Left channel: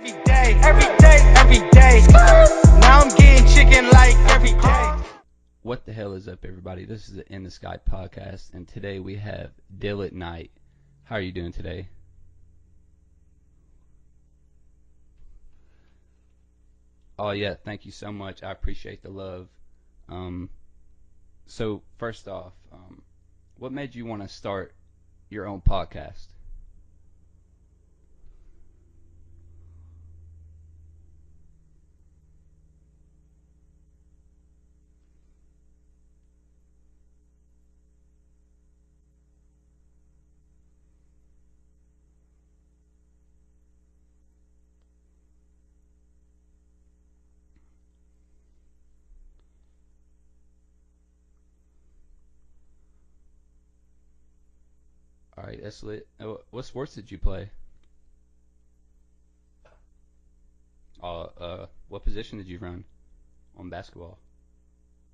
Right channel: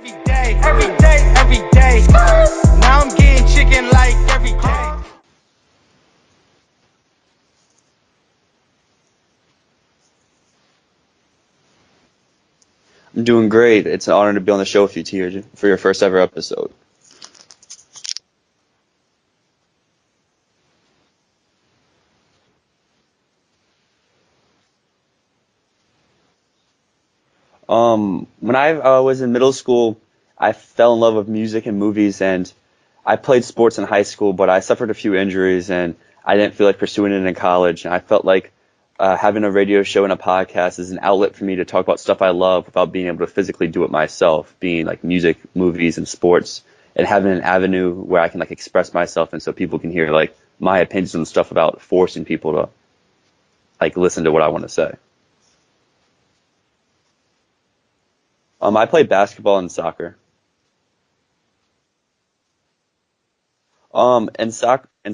every day. Now I'm getting chicken like every day. What the hell is up, everybody? This is the In the Sky podcast, and today we have Dyl Nite. How are you doing today? I'm doing great. It's an honor to be on the show with you, Tier, for your first ever episode. Oh yeah, thank you so much. I appreciate the love. Um, so first off, what made you want to start your own podcast? When I was in middle school, I fell in love with music and movies, and I played sports in high school, but I suffered a few injuries, and I didn't feel like pursuing it in college. And I felt like having a radio show and a podcast is an outlet for me to talk about stuff I love without being able to physically do it myself, being like music, movies, and sports, and having an avenue where I can like express myself, and so people can hear like my opinions and stuff without forcing people to like listen to what I want to say. All right, that's lit. What sports did you play? I play basketball and soccer. What position did you run on basketball? In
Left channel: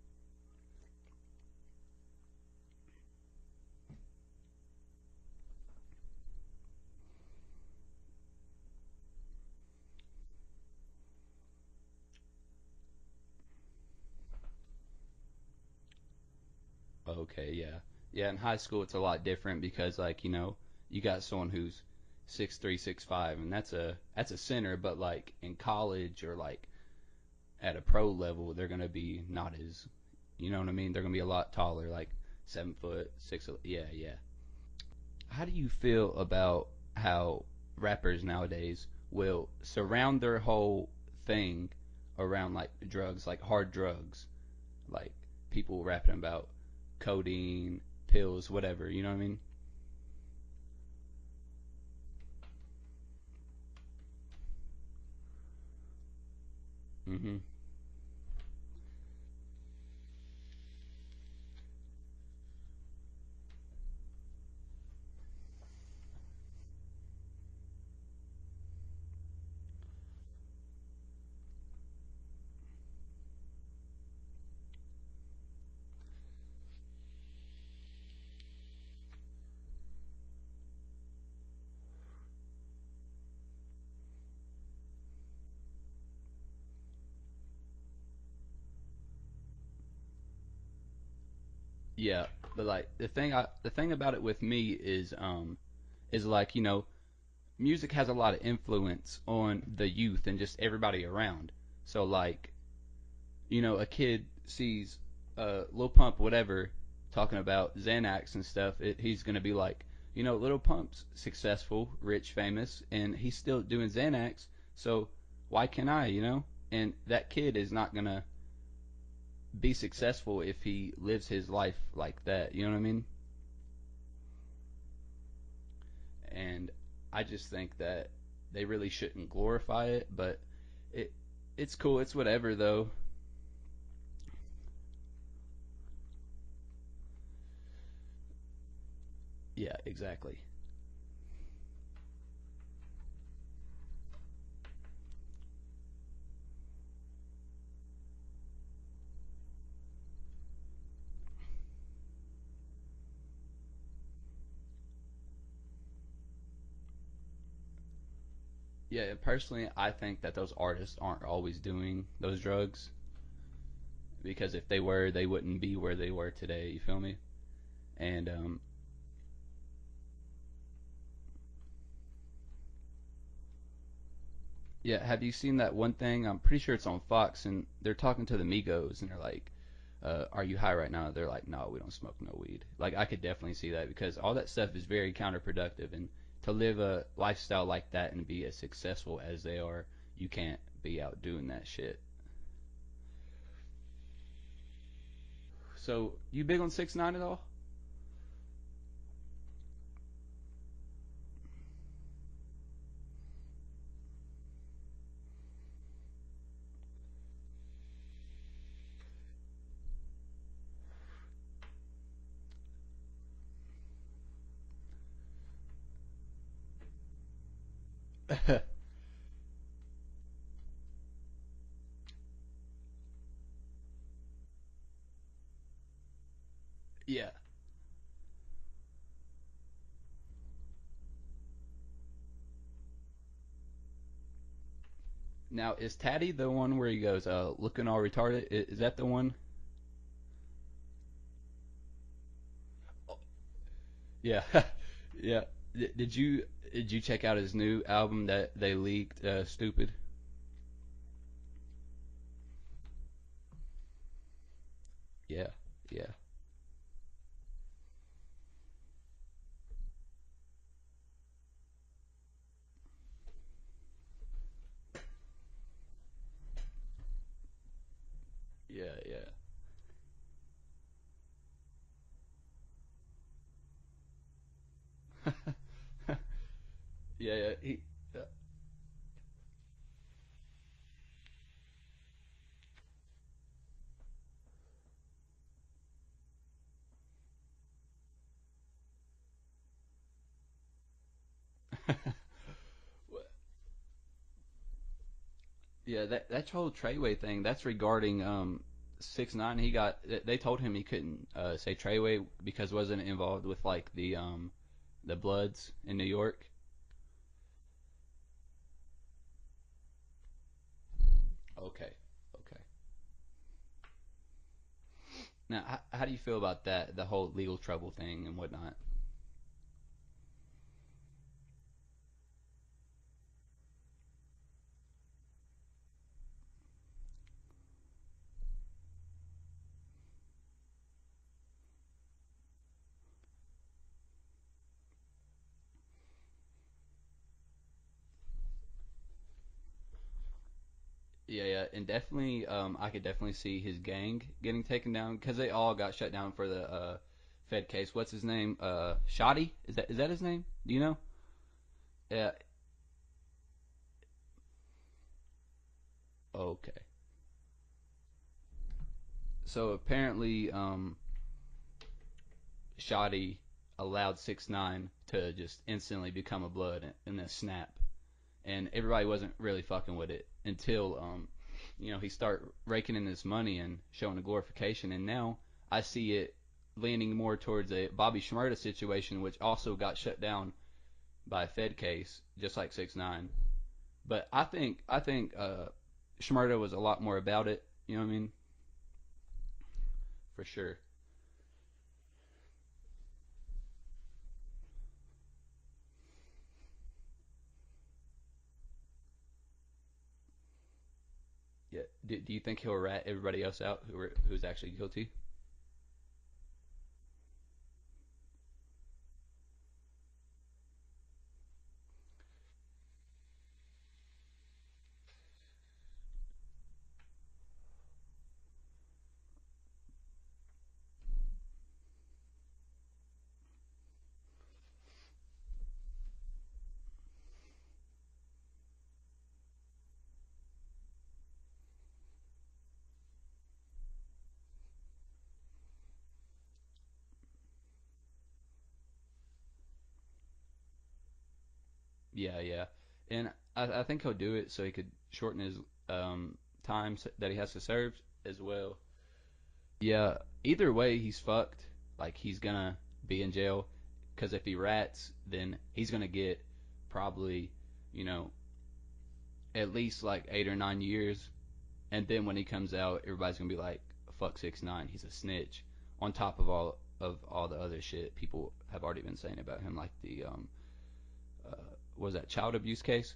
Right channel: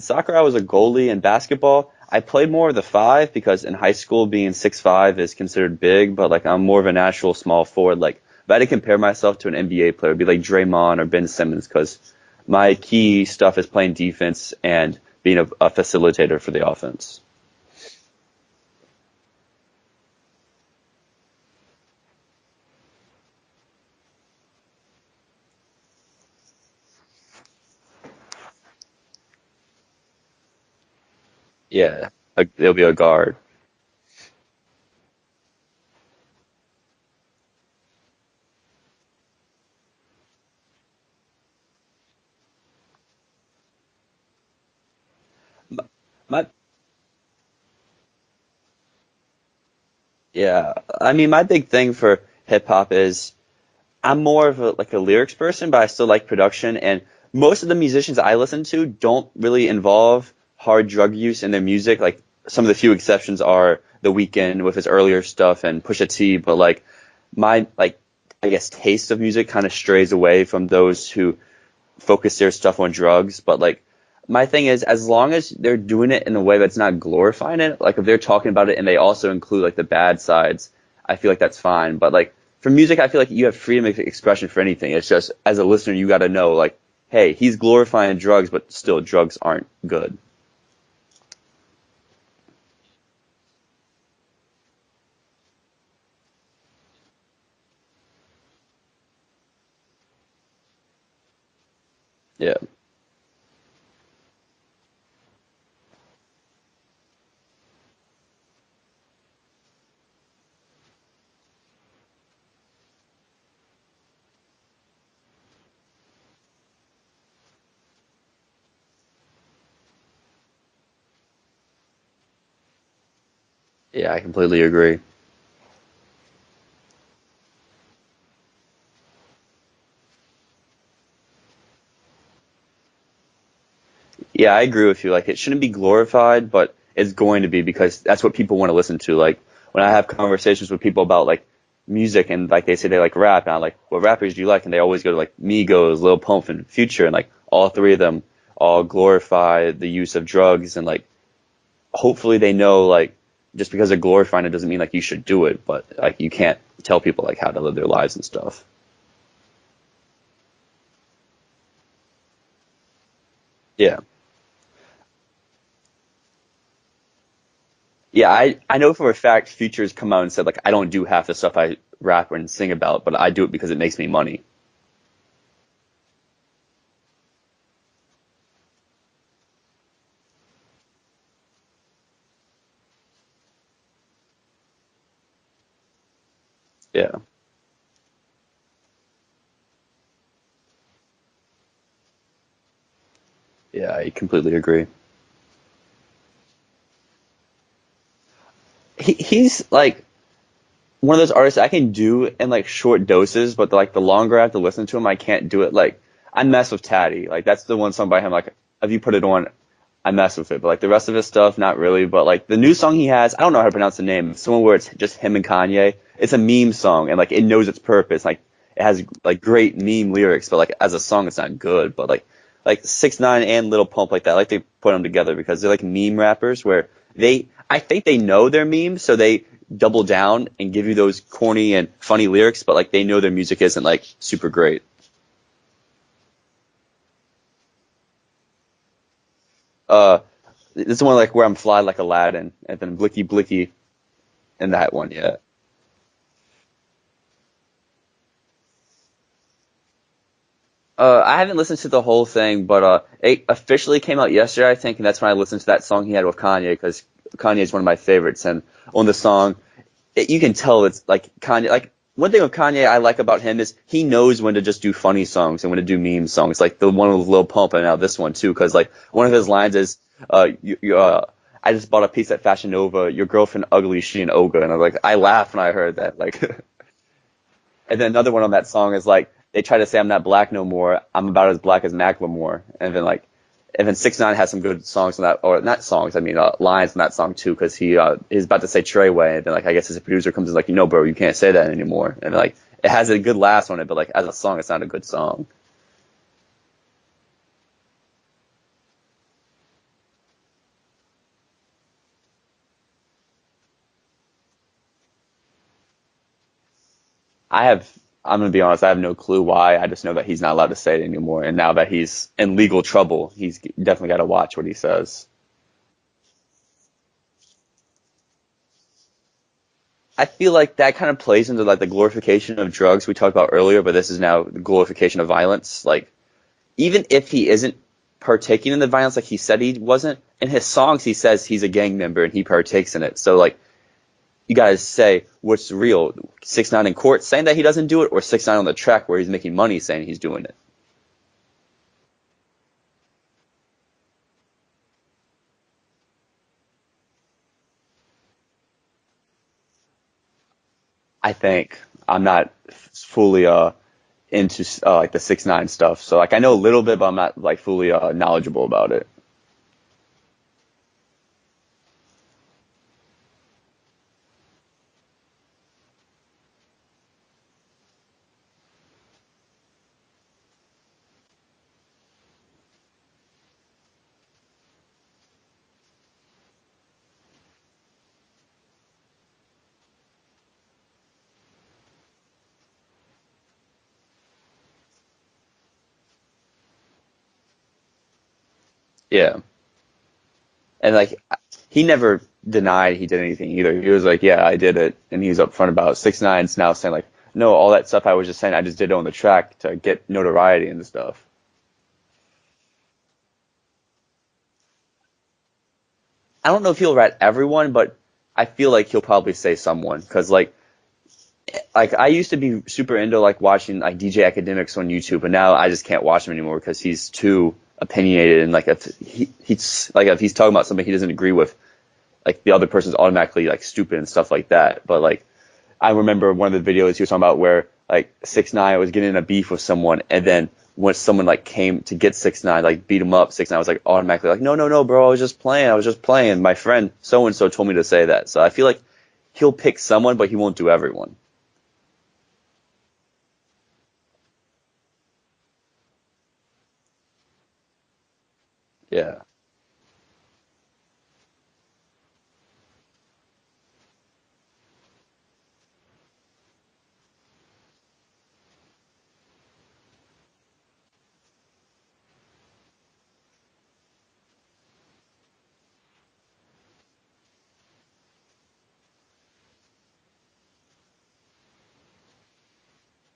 soccer, I was a goalie. In basketball, I played more of the five because in high school, being 6'5" is considered big, but like I'm more of a natural small forward. Like if I had to compare myself to an NBA player, it'd be like Draymond or Ben Simmons because my key stuff is playing defense and being a facilitator for the offense. Okay, yeah, yeah. In high school, it's a lot different because you got someone who's 6'3", 6'5", and that's a center. But like in college or like at a pro level, they're gonna be not as, you know what I mean? They're gonna be a lot taller, Yeah, like like they'll be a 7'5", guard. 6. Yeah, yeah. How do you feel about how rappers nowadays will surround their whole thing around like drugs, like hard drugs, like people rapping about My codeine, pills, whatever. You know what I mean? Yeah, I mean, my big thing for hip hop is I'm more of a lyrics person, but I still like production. And Hmm. most of the musicians I listen to don't really involve hard drug use in their music. Like some of the few exceptions are The Weeknd with his earlier stuff and Pusha T. But like my I guess taste of music kind of strays away from those who focus their stuff on drugs. But like my thing is, as long as they're doing it in a way that's not glorifying it, like if they're talking about it and they also include like the bad sides, I feel like that's fine. But like for music, I feel like you have freedom of expression for anything. It's just as a listener, you got to know like, hey, he's glorifying drugs, but still drugs aren't good. Yeah, but like the thing about it with me is like music has a lot of influence on the youth and just everybody around. So like Yeah, a kid sees Lil Pump, whatever, talking about Xanax and stuff, he's gonna be like, Lil Pump's successful, rich, famous, and he's still doing Xanax, so why can't I, And that kid is not gonna be successful if he lives his life like that. You know what I mean? yeah, I completely agree. And I just think that they really shouldn't glorify it, but it it's cool. It's whatever though. Yeah, I agree with you. Like it shouldn't be glorified, but it's going to be because that's what people want to listen to. Like Yeah, when I have yeah. conversations with people about like music and like they say they like rap, and I'm like, what rappers do you like? And they always go to like Migos, Lil Pump, and Future, and like all three of them all glorify the use of drugs, and like hopefully they know like just because they're glorifying it doesn't mean like you should do it, but like you can't tell people like how to live their lives and stuff. Yeah, personally, I think that those artists aren't always doing those drugs Yeah. because if they were, they wouldn't be where they were today. You feel me? Yeah, And I know for a fact Future's come out and said like I don't do half the stuff I rap and sing about, but I do it because it makes me money. yeah, have you seen that one thing? I'm pretty sure it's on Fox, and they're talking to the Migos, and they're like, "Are you high right now?" They're like, "No, we don't smoke no weed." Like I could definitely see that because all that stuff is very counterproductive, and to live a Yeah. lifestyle like that and be as successful as they are, you can't be out doing that shit. Yeah, I completely agree. So, you big on 6ix9ine at all? He's like one of those artists I can do in like short doses, but like the longer I have to listen to him, I can't do it. Like I mess with Tatty, like that's the one song by him. Like if you put it on, I mess with it. But like the rest of his stuff, not really. But like the new song he has, I don't know how to pronounce the name. It's someone where it's just him and Kanye. It's a meme song, and like it knows its purpose. Like it has like great meme lyrics, but like as a song, it's not good. But like 6ix9ine and Little Pump like that, I like to put them together because they're like meme rappers where Yeah. I think they know their memes, so they double down and give you those corny and funny lyrics, but like they know their music isn't like super great. Now, is Tatty the one where he goes, looking all retarded? Is that the one? Uh, this is one like where I'm fly like Aladdin, and then Blicky Blicky, Yeah. and that one, yeah. Yeah. Did you check out his new album that they leaked? Stupid. I haven't listened to the whole thing, but it officially came out yesterday, I think, and that's when I listened to that song he had with Kanye, because Kanye is one of my favorites, and on the song, you can tell it's like Kanye. Like one thing with Kanye I like about him is he knows when to just do funny songs and when to do meme songs, like the one with Lil Pump and now this one too, because like one of his lines is, I just bought a piece at Fashion Nova. Your girlfriend ugly, she an ogre, and I laughed when I heard that, like. Yeah, yeah. And then another one on that song is like they try to say I'm not black no more. I'm about as black as Macklemore. And then 6ix9ine has some good songs on that, or not songs. I mean lines in that song too, because he's about to say Treyway, and then like I guess his producer comes in like, bro, you can't say that anymore. And like it has a good last on it, but like as a song, it's not a good song. Yeah, that whole Treyway thing, that's regarding 6ix9ine. They told him he couldn't say Treyway because wasn't involved with like the Bloods in New York. I'm gonna be honest, I have no clue why. I just know that he's not allowed to say it anymore, and now that he's in legal trouble, he's definitely got to watch what he says. Now, how do you feel about that, the whole legal trouble thing and whatnot? I feel like that kind of plays into like the glorification of drugs we talked about earlier, but this is now the glorification of violence. Like even if he isn't partaking in the violence like he said he wasn't, in his songs he says he's a gang member and he partakes in it. So like you guys say what's real? 6ix9ine in court saying that he doesn't do it, or 6ix9ine on the track where he's making money saying he's doing it? Yeah, yeah, and definitely, I could definitely see his gang getting taken down because they all got shut down for the Fed case. What's his name? Shoddy? Is that his name? Do you know? I think I'm not fully into like the 6ix9ine stuff, so like I know a little bit, but I'm not like fully knowledgeable about it. So apparently, Shoddy allowed 6ix9ine to just instantly become a blood in a snap, and everybody wasn't really fucking with it until he started raking in his money and showing the glorification, and now I see it leaning more towards a Bobby Shmurda situation, which also got shut down by a Fed case, just like 6ix9ine. But I think Shmurda was a lot more about it. You know what I mean? Yeah. For sure. And like he never denied he did anything either. He was like, "Yeah, I did it," and he was upfront about it. 6ix9ine's now saying like, "No, all that stuff I was just saying, I just did it on the track to get notoriety and stuff." Yeah. Do you think he'll rat everybody else out who's actually guilty? I don't know if he'll rat everyone, but I feel like he'll probably say someone, because like I used to be super into like watching like DJ Academics on YouTube, but now I just can't watch him anymore because he's too opinionated, and like if he's talking about something he doesn't agree with, like the other person's automatically like stupid and stuff like that. But like I remember one of the videos he was talking about where like 6ix9ine was getting in a beef with someone, and then when someone like came to get 6ix9ine, like beat him up, 6ix9ine was like automatically like, no, no, no, bro, I was just playing. My friend so and so told me to say that. So I feel like he'll pick someone, but he won't do everyone. Yeah, yeah. And I think he'll do it so he could shorten his time that he has to serve as well. Yeah. Yeah. Either way, he's fucked. Like he's gonna be in jail because if he rats, then he's gonna get probably, you know, at least like 8 or 9 years. And then when he comes out, everybody's gonna be like, "Fuck 6ix9ine, he's a snitch." On top of all the other shit people have already been saying about him, like the what was that child abuse case?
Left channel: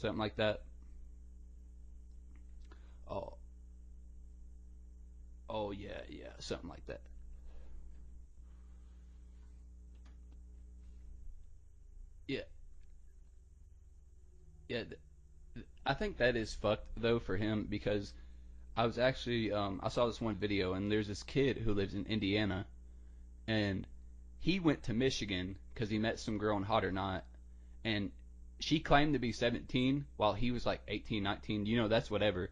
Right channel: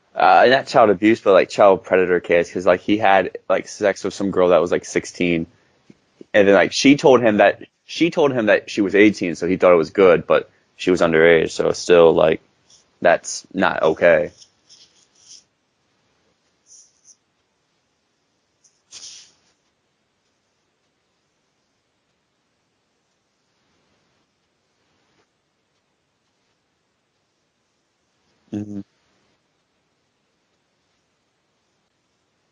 Something like that. Not child abuse, but like child predator case, because like he had like sex with some girl that was like 16, Oh yeah, yeah, and then like she told him that she was 18, so he thought it was good, but she was underage, so it's still yeah, like that's not okay. yeah. I think that is fucked though for him because I was actually I saw this one video and there's this kid who lives in Indiana and he went to Michigan because he met some girl in Hot or Not and she Hmm. claimed to be 17 while he was like 18, 19. You know, that's whatever.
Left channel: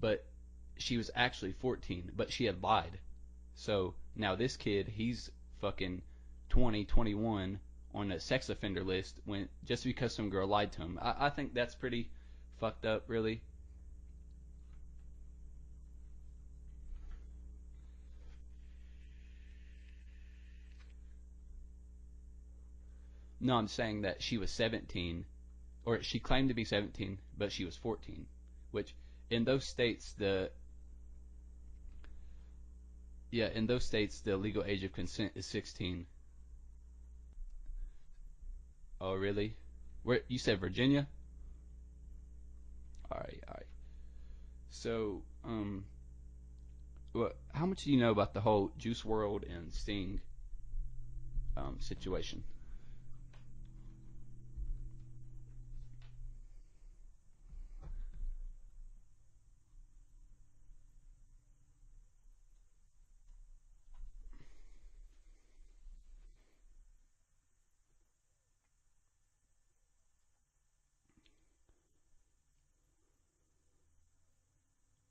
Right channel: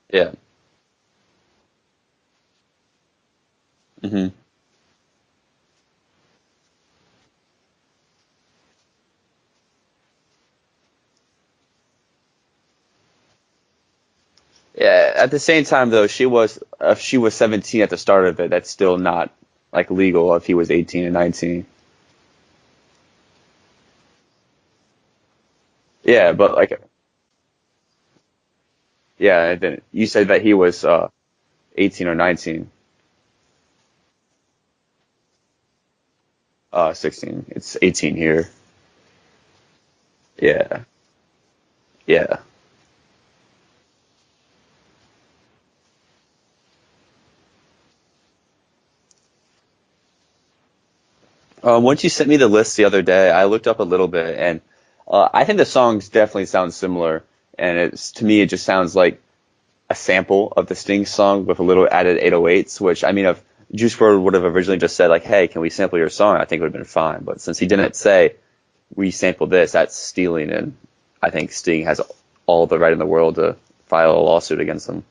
But Yeah. she was actually 14, but she had lied. So Hmm. now this kid, he's fucking 20, 21 on a sex offender list when just because some girl lied to him. I think that's pretty fucked up, really. Yeah. At the same time, though, if she was 17 at the start of it, that's still not like legal if he was 18 and 19. No, I'm saying that she was 17, or she Yeah, claimed but to be like 17, but she was 14, which in yeah, and those then you states said that the he was 18 or 19. yeah, in those states the legal age of consent is 16. 16. It's 18 here. Oh, really? Where you said Yeah, Virginia? yeah. All right, all right. So, what? How much do you know about the whole Juice World and Sting Once you sent me situation? the list the other day, I looked up a little bit, and I think the songs definitely sound similar. And it's to me, it just sounds like a sample of the Sting song with a little added 808s. Which I mean, if Juice WRLD would have originally just said like, "Hey, can we sample your song?" I think it would have been fine. But since he didn't say we sampled this, that's stealing, and I think Sting has all the right in the world to file a lawsuit against him.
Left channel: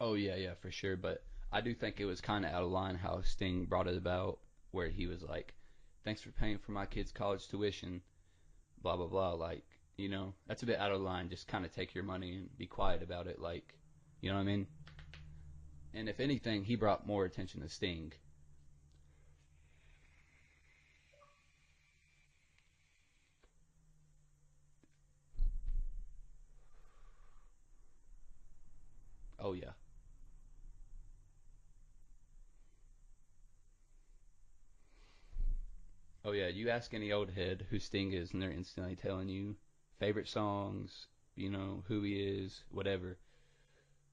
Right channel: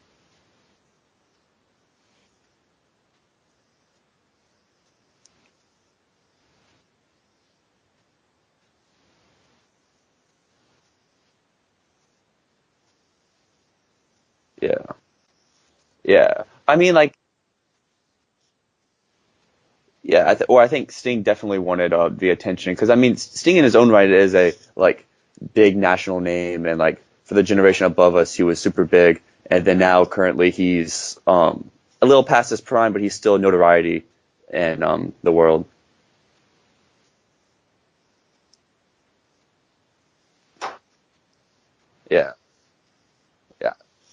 Oh yeah, yeah, for sure. But I do think it was kind of out of line how Sting brought it about, where he was like, "Thanks for paying for my kid's college tuition," blah blah blah. Like, that's a bit out of line. Just kind of take your money and be quiet about it. Like, you know what I mean? Yeah, And if yeah. anything, he I mean, brought like more attention to Sting. yeah, I think Sting definitely wanted the attention because I mean Sting in his own right is a like big national name and like for the generation above us he was super big Oh and yeah. then now currently he's a little past his prime but he's still notoriety in the world. Oh yeah. You ask any old head who Sting is, and they're instantly telling you favorite songs, who he Yeah, is, whatever. yeah.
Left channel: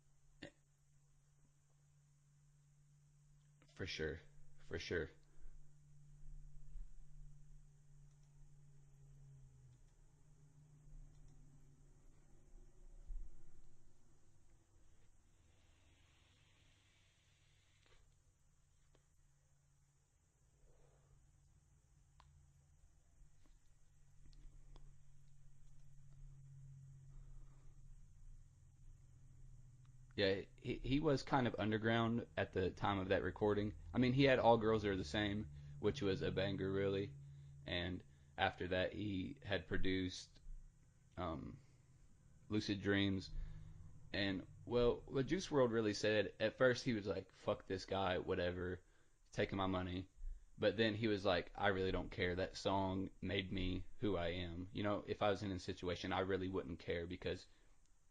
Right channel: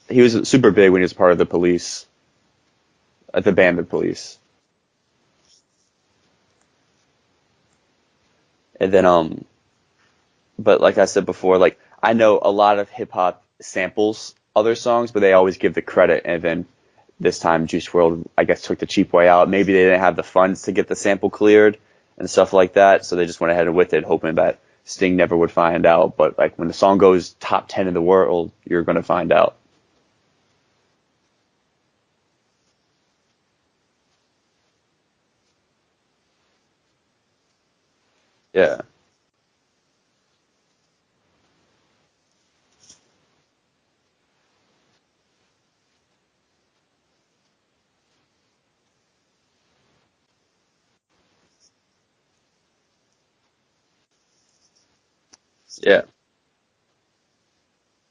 He was super big when he was part of the Police, the Oh, band The for sure, Police, for sure. and then but like I said before, like I know a lot of hip hop samples other songs, but they always give the credit. And then this time, Juice World, I guess, took the cheap way out. Maybe they didn't have the funds to get the sample cleared and stuff like that, so they just went ahead with it, hoping that Sting never would find out. But like when the song goes top 10 in the world, you're gonna find out. Yeah, he was kind of underground at the time of that recording. I mean, he had All Girls Are the Same, which was a banger, really. And after Yeah, that, he had produced um, Lucid Dreams. And, well, what Juice World really said, at first he was like, fuck this guy, whatever, taking my money. But then he was like, I really don't care. That song made me who I am. If I was in a yeah. situation, I really wouldn't care because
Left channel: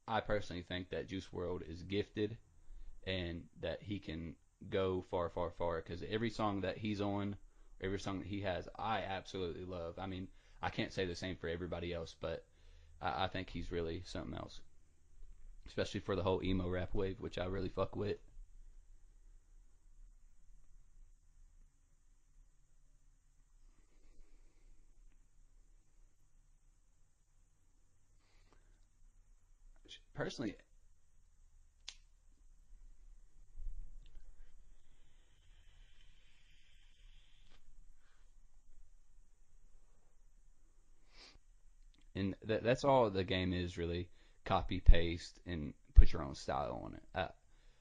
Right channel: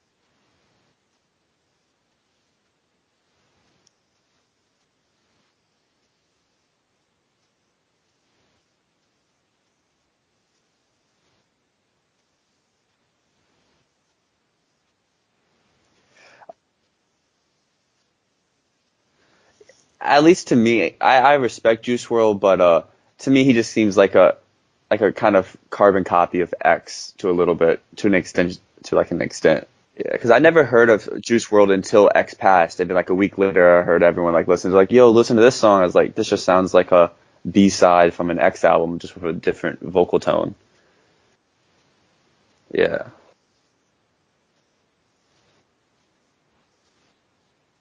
I personally think that Juice World is gifted and that he can go far, far, far. Because every song that he's on, every song that he has, I absolutely love. I mean, I can't say the same for everybody else, but I think he's really something else, especially for the whole emo rap wave, which I really fuck with. At least to me, I respect Juice World, but to me he just seems like a kind of carbon copy of X to a little bit, to an extent, to like an extent. Yeah, For because I sure. never heard of Juice World until X passed, and then like a week later, I heard everyone like listen to like, yo, listen to this song. I was like, this just sounds like a B-side from an X album, just with a different vocal tone. And that's Yeah. all the game is really copy paste and put your own style on it.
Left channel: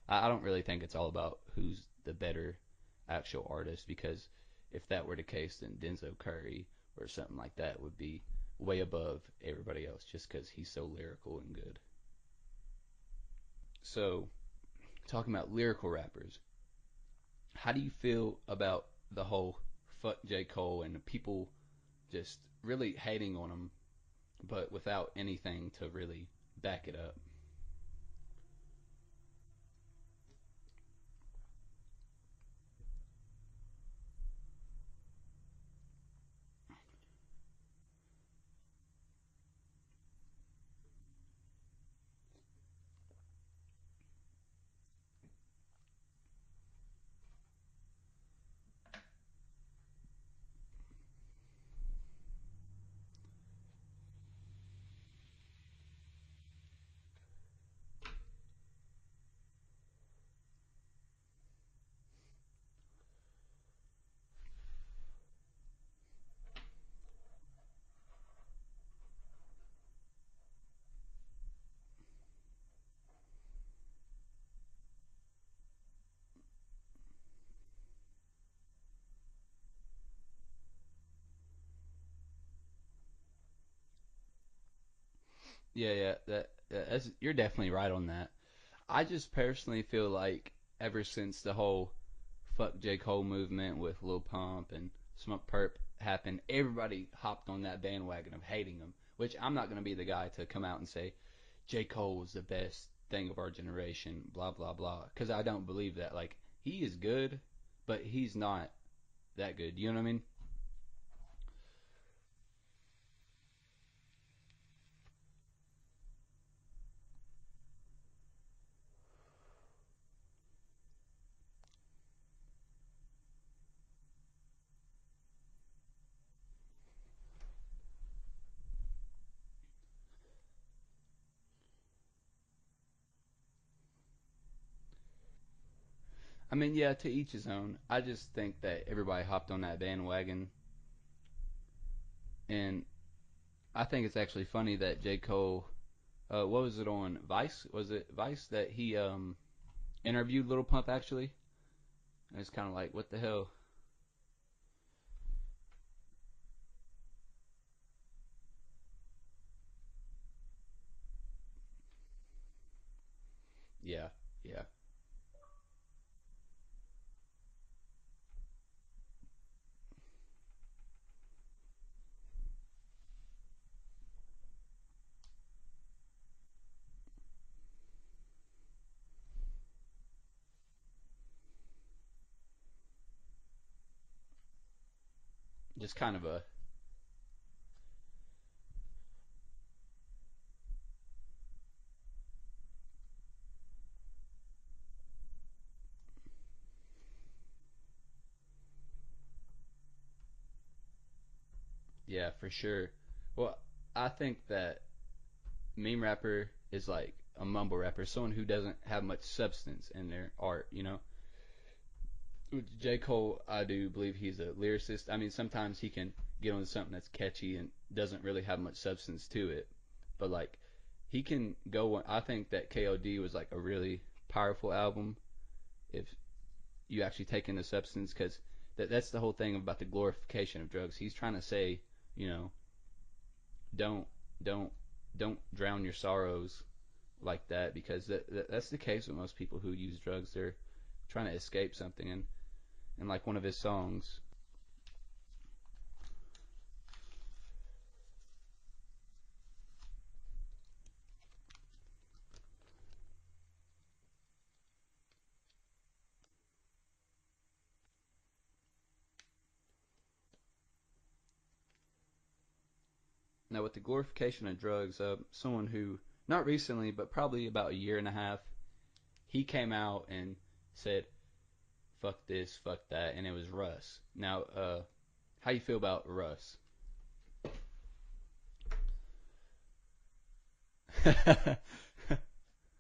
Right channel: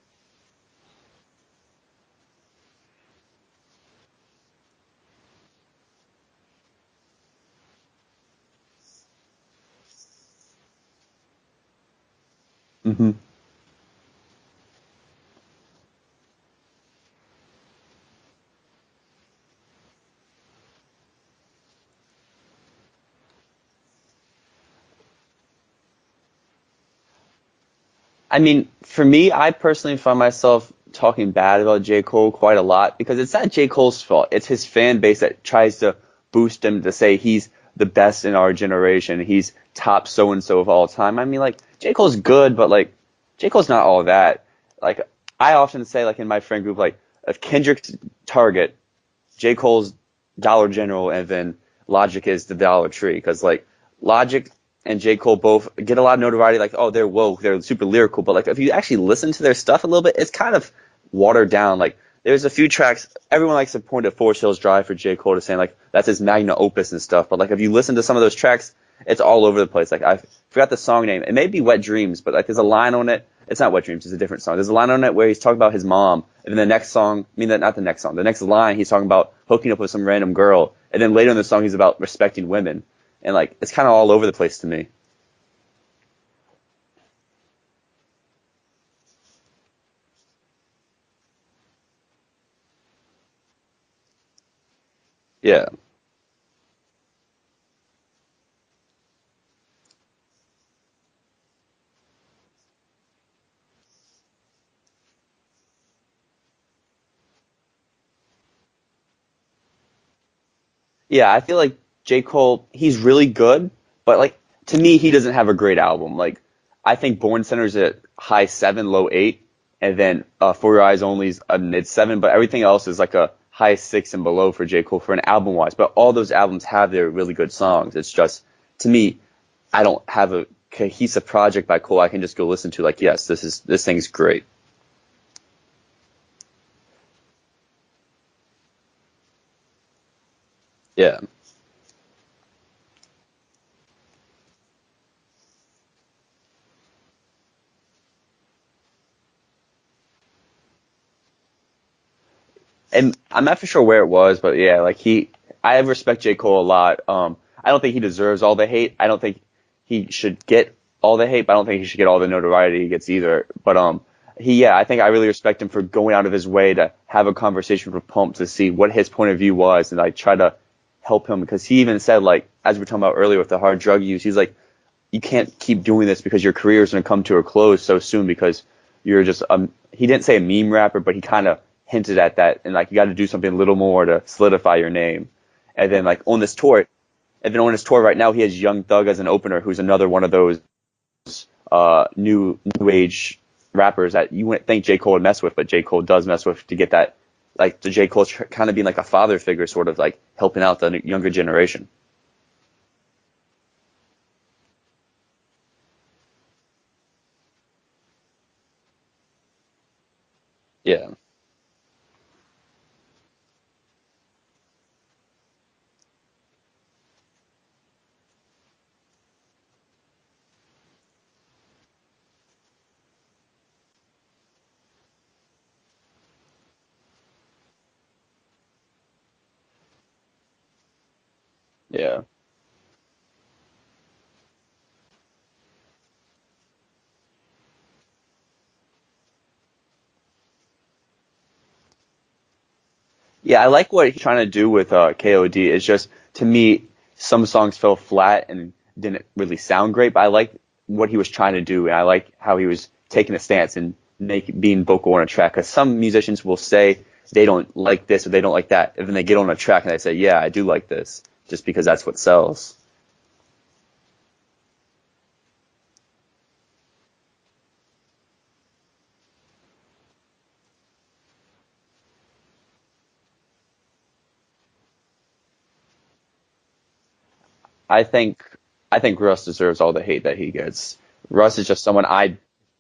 I don't really think it's all about who's the better actual artist because if that were the case, then Denzel Curry or something like that would be way above everybody else just because he's so lyrical and good. hmm So, talking about lyrical rappers, how do you feel about the whole fuck J. Cole and people just really hating on him, but without anything to really back it up? I mean, for me, I personally find myself talking bad about J. Cole quite a lot because it's not J. Cole's fault. It's his fan base that tries to boost him to say he's the best in our generation. He's top so and so of all time. I mean, like, J. Cole's good, but like, J. Cole's not all that. Like, I often say, like, in my friend group, like, if Kendrick's Target, J. Cole's Dollar General, and then Logic is the Dollar Tree. Because, like, Logic and J. Cole both get a lot of notoriety, like, oh, they're woke, they're super lyrical. But, like, if you actually listen to their stuff a little bit, it's kind of watered down. Like, there's a few tracks, everyone likes to point at Forest Hills Drive for J. Cole to saying, like, that's his magnum opus and stuff. But, like, if you listen to some of those tracks, it's all over the place. Like, I forgot the song name. It may be Wet Dreams, but, like, there's a line on it. It's not Wet Dreams, it's a different song. There's a line on it where he's talking about his mom, and then the next song, I mean, not the next song, the next line, he's talking about hooking up with some random girl, and then later in the song, he's about respecting women, and like, it's kind of all over the place to me. Yeah, yeah, you're definitely right on that. I just personally feel like ever since the whole fuck J Cole movement with Lil Pump and Smoke Yeah. Party happened, everybody hopped on that bandwagon of hating him. Which I'm not going to be the guy to come out and say J. Cole was the best thing of our generation, blah blah blah, because I don't believe that. Like, he is good, but he's not that good. You know what I mean? Yeah, I feel like J. Cole, he's really good, but like to me, he doesn't have a great album. Like I think Born Center's at high 7, low 8, and then For Your Eyes Only's a mid 7, but everything else is like a high 6 and below for J. Cole for an album wise. But all those albums have their really good songs. It's just to me, I don't have a cohesive project by Cole I can just go listen to. Like, yes, this thing's great. I mean, yeah, to each his own. I just think that everybody hopped on that bandwagon, Yeah. and I think it's actually funny that J. Cole, what was it on Vice? Was it Vice that he interviewed Little Pump actually? And it's kind of like, what And the I'm hell? not for sure where it was, but yeah, like I respect J. Cole a lot. I don't think he deserves all the hate. I don't think he should get all the hate, but I don't think he should get all the notoriety he gets either. But Yeah, yeah, I think I really respect him for going out of his way to have a conversation with Pump to see what his point of view was, and I try to help him because he even said, like, as we were talking about earlier with the hard drug use, he's like, you can't keep doing this because your career is going to come to a close so soon because you're just he didn't say a meme rapper, but he kind of hinted at that, and like you got to do something a little more to solidify your name. And then like exactly. on this tour right now, he has Young Thug as an opener, who's another one of those new age rappers that you wouldn't think J. Cole would mess with, but J. Cole does mess with to get that, like the J. Cole's kind of being like a father figure, sort of like helping out the younger generation. Yeah, for sure. Well, I think that meme rapper is like a mumble rapper, someone who doesn't have much substance in their art. You know, Yeah, J. Cole, I do believe he's a lyricist. I mean, sometimes he can get on something that's catchy and doesn't really have much substance to it, but like he can go. I think that KOD was like a really powerful album if you actually take in the substance, because that's the whole thing about the glorification of drugs. He's trying to say, yeah. you know, don't don't don't drown your sorrows like that, because that's the case with most people who use drugs. They're trying to escape something, and like one of his Yeah, I like songs. what he's trying to do with KOD. It's just to me, some songs fell flat and didn't really sound great, but I like what he was trying to do, and I like how he was taking a stance and being vocal on a track. Because some musicians will say they don't like this or they don't like that, and then they get on a track and they say, "Yeah, I do like this," just because that's what sells. Now with the glorification of drugs, someone who not recently, but probably about a year and a half, he came out and said, "Fuck this, fuck that," and it was Russ. Now, how you feel about Russ? I think I think Russ deserves all the hate that he gets. Russ is just someone I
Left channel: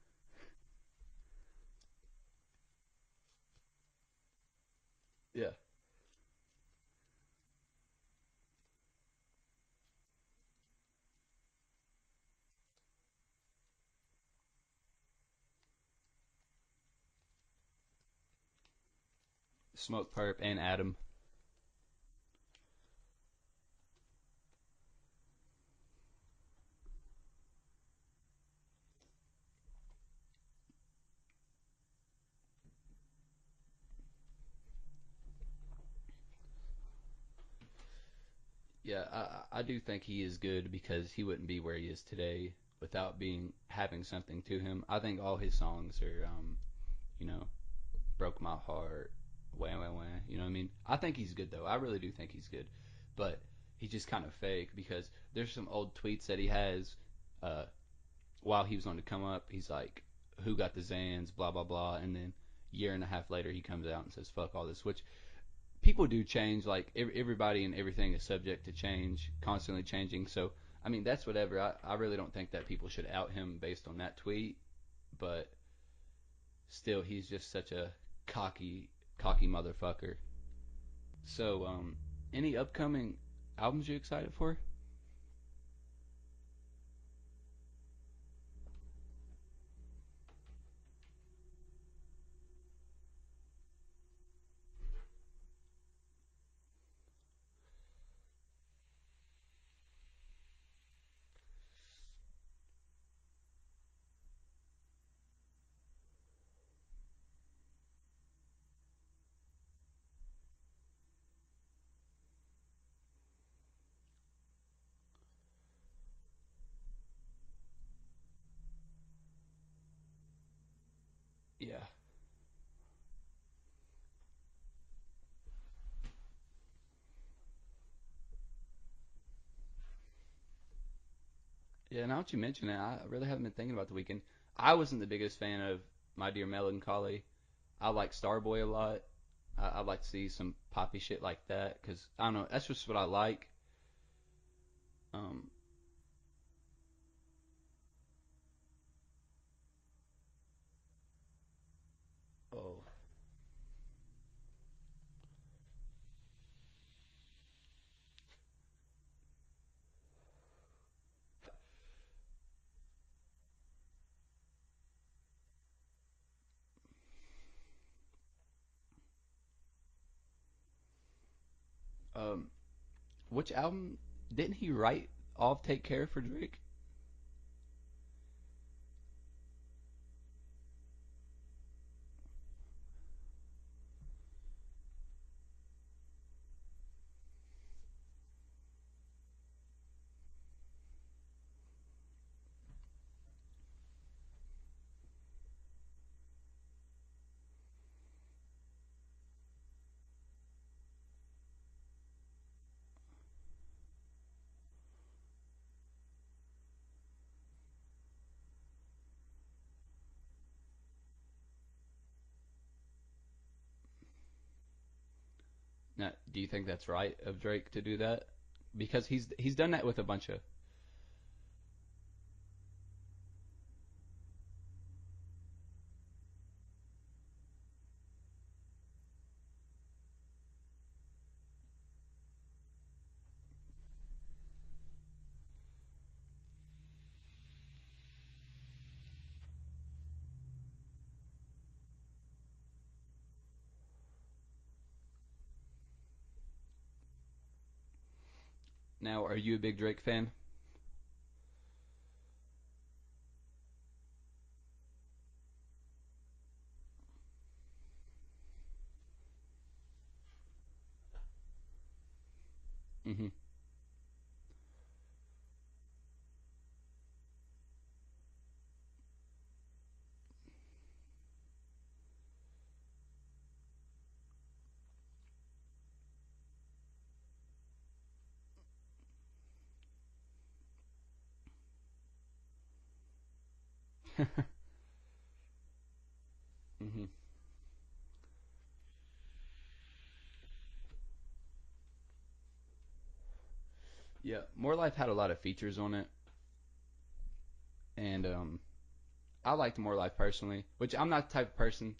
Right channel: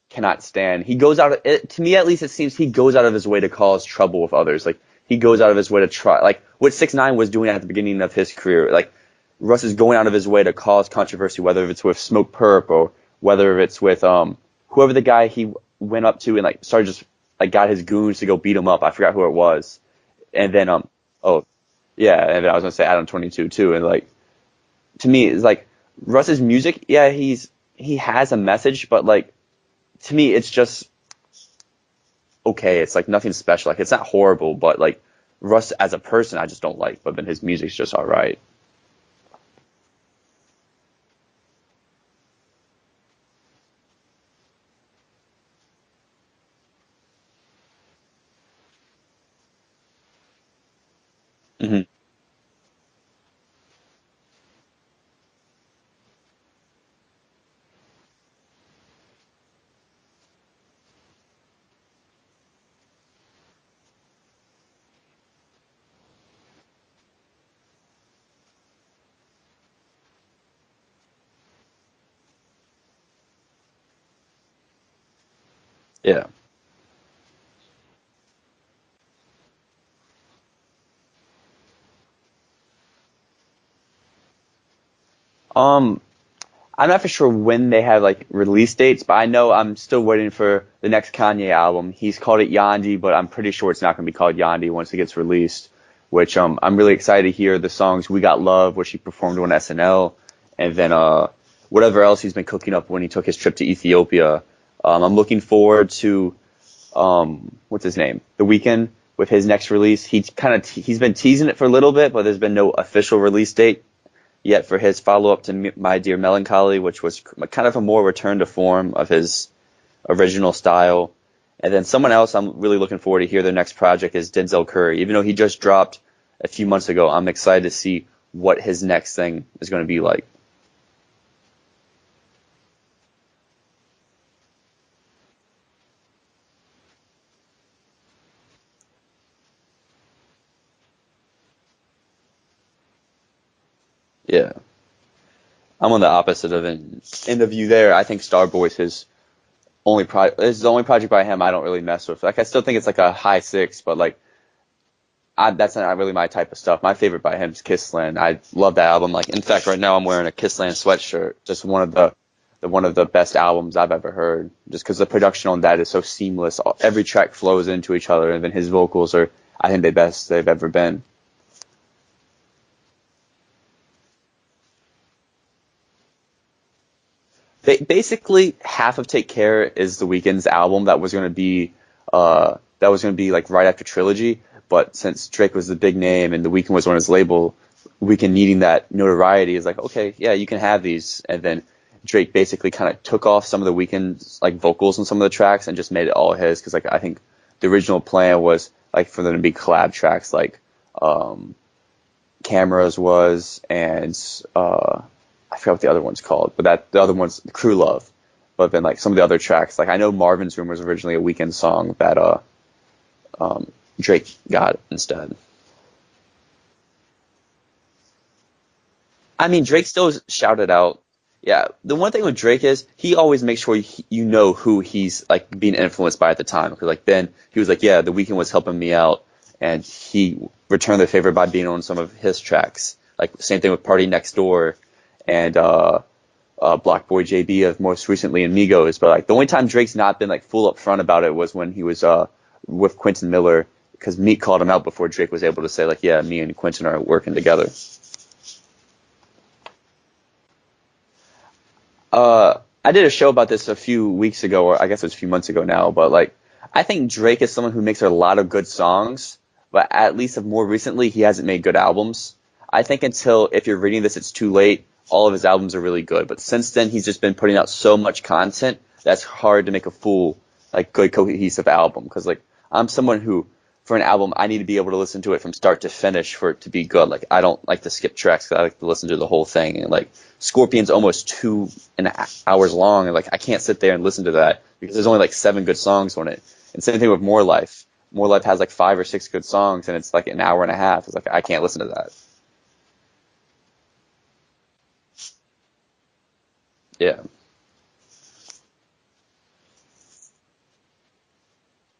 cannot stand. He goes out to me at least it seems he goes out of his way to cause trouble with others. Like he goes out of his way to try like what 6ix9ine was doing at the beginning of his career. Like Russ is going out of his way to cause controversy, whether it's with Smoke Perp or whether it's with whoever the guy he went up to and like started just like got his goons to go beat him up. I forgot who it was. Smoke Perp And and then Adam. oh yeah, and then I was gonna say Adam 22 too. And like to me it's like Russ's music, yeah, he has a message, but like to me it's just okay. It's like nothing special. Like it's not horrible, but like Russ as a person I just don't like. But then his music's just all right. Yeah, I do think he is good, because he wouldn't be where he is today without being having something to him. I think all his songs are, you know, broke my heart, wah wah wah. You know what I mean? I think he's good though. I Hmm. really do think he's good, but he's just kind of fake, because there's some old tweets that he has uh, while he was on the come up. He's like, "Who got the Zans?" Blah blah blah, and then year and a half later he comes out and says, "Fuck all this," which people do change. Like everybody and everything is subject to change, constantly changing. So I mean that's whatever. I really don't think that people should out him based on that tweet, but Yeah. still he's just such a cocky motherfucker. So any upcoming albums you excited for? Um, I'm not for sure when they have like release dates, but I know I'm still waiting for the next Kanye album. He's called it Yandi, but I'm pretty sure it's not going to be called Yandi once it gets released. Which I'm really excited to hear the songs "We Got Love," which he performed on SNL, and then whatever else he's been cooking up when he took his trip to Ethiopia. I'm looking forward to what's his name, The Weeknd. with his next release. He's been teasing it for a little bit, but there's been no official release date yet for his follow-up to My Dear Melancholy, which was kind of a more return to form of his original style. And then someone else I'm really looking forward to hear their next project is Denzel Curry. Even though he just dropped a few months ago, I'm excited to see what his next thing is going to be like. Yeah, now that you mention it, I really haven't been thinking about The Weeknd. I wasn't the biggest fan of My Dear Melancholy. I like Starboy a lot. I like to see some poppy shit like that because I don't know. That's just what I like. Yeah, Um, I'm on the opposite of in the view there. I think Starboy's his only project. This is the only project by him I don't really mess with. Like I still think it's like a high six, but like that's not really my type of stuff. My favorite by him is Kissland. I love that album. Like in fact, right now I'm wearing a Kissland sweatshirt. Just one of the best albums I've ever heard. Just because the production on that is so seamless. Every track flows into each other, and then his vocals are, I think, the best they've ever been. um, which album didn't he write all of Take Care for Drake? Basically, half of Take Care is the Weeknd's album that was going to be like right after Trilogy. But since Drake was the big name and the Weeknd was on his label, Weeknd needing that notoriety is like, okay, yeah, you can have these. And then Drake basically kind of took off some of the Weeknd's like vocals on some of the tracks and just made it all his. Because like I think the original plan was like for them to be collab tracks like um, Cameras was and I forgot what the other one's called, but the other one's Crew Love. But then like some of the other tracks, like I know Marvin's Room was originally a Weeknd song that um, Drake got instead. Now, do you think that's right of Drake to do that? Because I he's mean, done that Drake with still Watch It. shouted out. Yeah, the one thing with Drake is he always makes sure you know who he's like being influenced by at the time. Because like then he was like, yeah, The Weeknd was helping me out, and he returned the favor by being on some of his tracks. Like same thing with Party Next Door, and Block Boy JB of most recently in Migos. But like the only time Drake's not been like full up front about it was when he was with Quentin Miller because Meek called him out before Drake was able to say like, yeah, me and Quentin are working together. Now, are you a big Drake fan? I did a show about this a few weeks ago, or I guess it was a few months ago now, but like I think Drake is someone who makes a lot of good songs, but at least of more recently he hasn't made good albums. I think until if you're reading this it's too late, all of his albums are really good, but since then he's just been putting out so much content that's hard to make a full like good cohesive album because like I'm someone who for an album I need to be able to listen to it from start to finish for it to be good. Like I don't like to skip tracks, 'cause I like to listen to the whole thing and like Scorpion's almost 2.5 hours long, and like I can't sit there and listen to that because there's only like 7 good songs on it. And same thing with More Life. More Life has like 5 or 6 good songs, and it's like an hour and a half. It's like I can't listen to that. Yeah, More Life had a lot of features on it, Yeah. and I liked More Life personally, which I'm not the type of person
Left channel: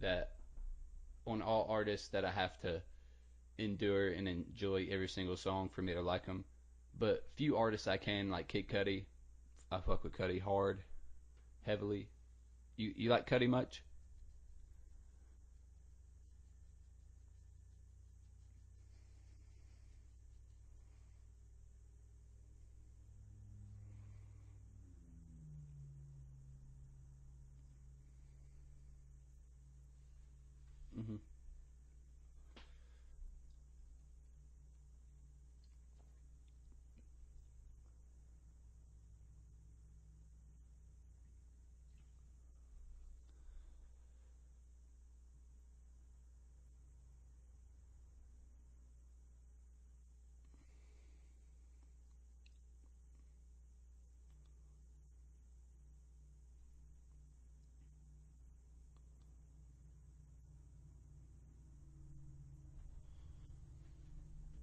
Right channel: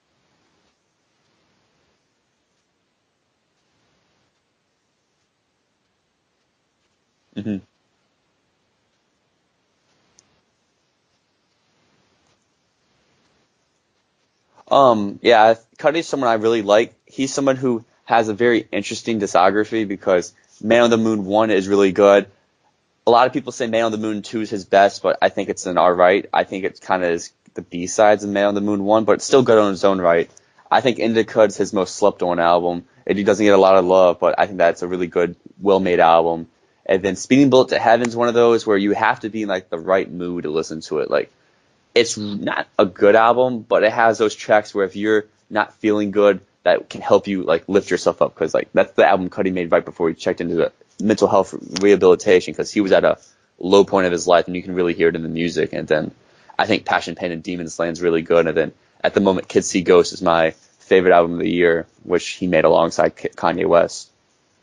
that on all artists that I have to endure and enjoy every single song for me to like them. But few hmm artists I can, like Kid Cudi, I fuck with Cudi hard, heavily. You like Cudi much? Yeah, Cudi's someone I really like. He's someone who has a very interesting discography because Man on the Moon 1 is really good. A lot of people say Man on the Moon 2 is his best, but I think it's an alright. I think it kind of is the B-sides of Man on the Moon 1, but it's still good on its own right. I think Indica's his most slept-on album. He doesn't get a lot of love, but I think that's a really good, well-made album. And then Speeding Bullet to Heaven's one of those where you have to be in like the right mood to listen to it. Like it's not a good album, but it has those tracks where if you're not feeling good, that can help you like lift yourself up. Because like that's the album Cudi made right before he checked into the mental health rehabilitation because he was at a low point of his life, and you can really hear it in the music. And then I think Passion, Pain, and Demons Land's really good. And then at the moment, Kids See Ghosts is my favorite album of the year, which he made alongside Kanye West.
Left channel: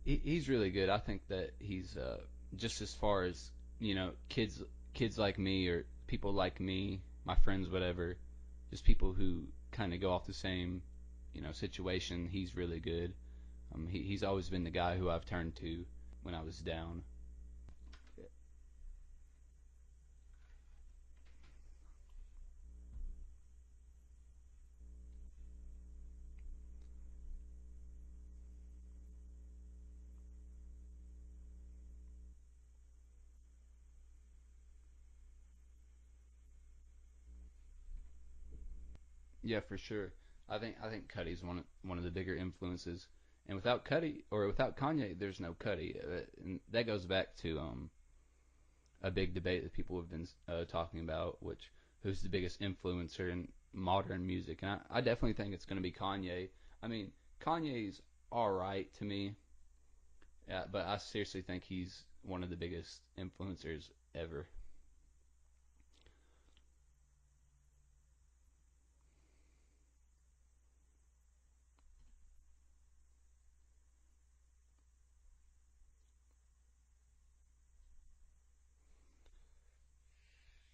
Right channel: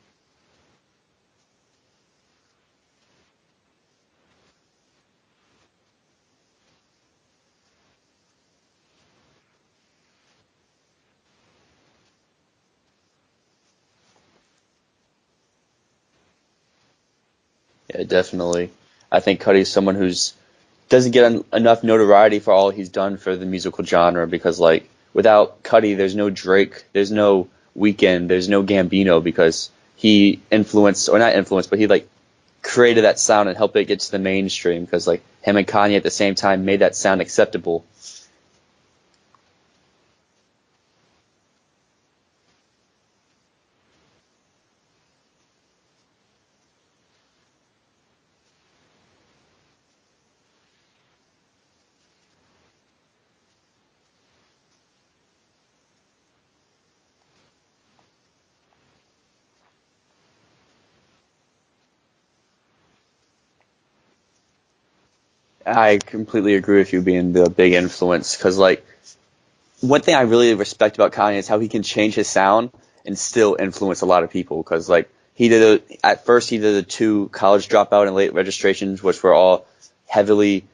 He's really good. I think that he's just as far as kids like me or people like me, my friends, whatever, just people who kind of go off the same situation. He's really good. He's always been the guy who I've turned to when I was down. Yeah, definitely. I think Cudi's someone who's doesn't get enough notoriety for all he's done for the musical genre because like without Cudi, there's no Drake, there's no Weeknd, there's no Gambino because he influenced or not influenced, but he like created that sound and helped it get to the mainstream because like him and Kanye at the same time made that sound acceptable. Yeah, for sure. I think Cuddy's one of the bigger influences. And without Cuddy or without Kanye, there's no Cuddy. And that goes back to a big debate that people have been talking about, which who's the biggest influencer in modern music. And I definitely think it's going to be Kanye. I mean, Kanye's all right to me, yeah, but I seriously think he's one of the biggest influencers ever. I completely agree with you being the big influence because like one thing I really respect about Kanye is how he can change his sound and still influence a lot of people. Because like at first he did the two college dropout and late registrations, which were all heavily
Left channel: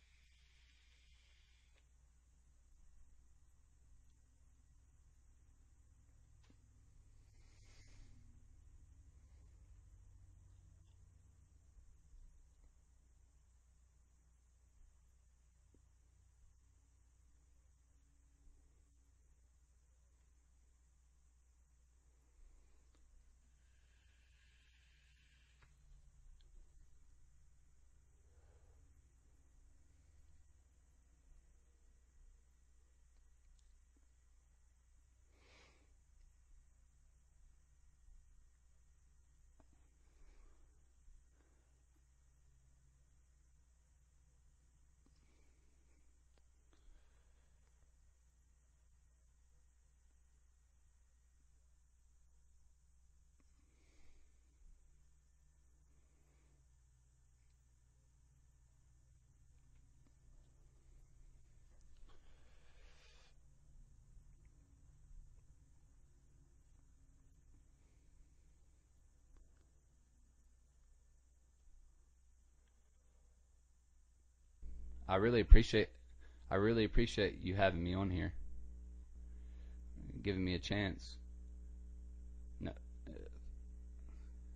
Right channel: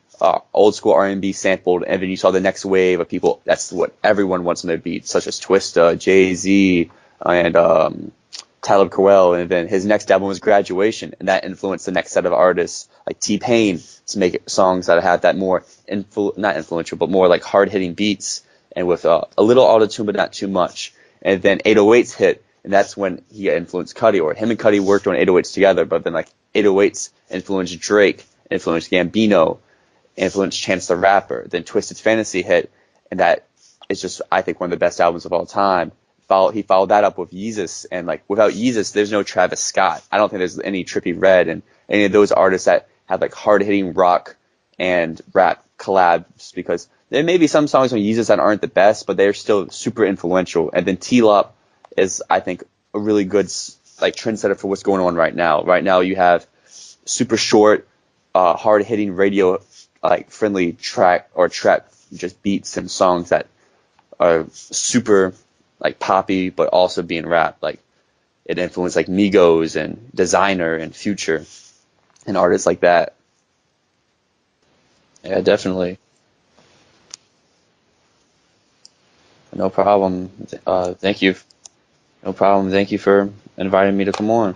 old school R&B sampled, and then you saw the next wave of people. That's what everyone wants in their beats, such as Twista, Jay-Z, and Talib Kweli. And then his next album was Graduation, and that influenced the next set of artists like T-Pain to make songs that had that more not influential, but more like hard hitting beats and with a little auto-tune but not too much. And then 808s hit, and that's when he influenced Cudi, or him and Cudi worked on 808s together, but then like 808s influenced Drake, influenced Gambino, influenced Chance the Rapper. Then Twisted Fantasy hit, and that is just, I think, one of the best albums of all time. He followed that up with Yeezus, and like without Yeezus, there's no Travis Scott. I don't think there's any Trippie Redd and any of those artists that have like hard-hitting rock and rap collabs, because there may be some songs on Yeezus that aren't the best, but they're still super influential. And then T-Lop is, I think, a really good like trendsetter for what's going on right now. Right now, you have super short, hard-hitting radio like friendly track or trap just beats and songs that are super like poppy, but also being rapped. Like it influenced like Migos and Designer and Future and artists like that. I really Yeah, definitely. I really appreciate you having me on here, No problem. giving me a chance. Thank you. No problem. Thank you for inviting me to come on.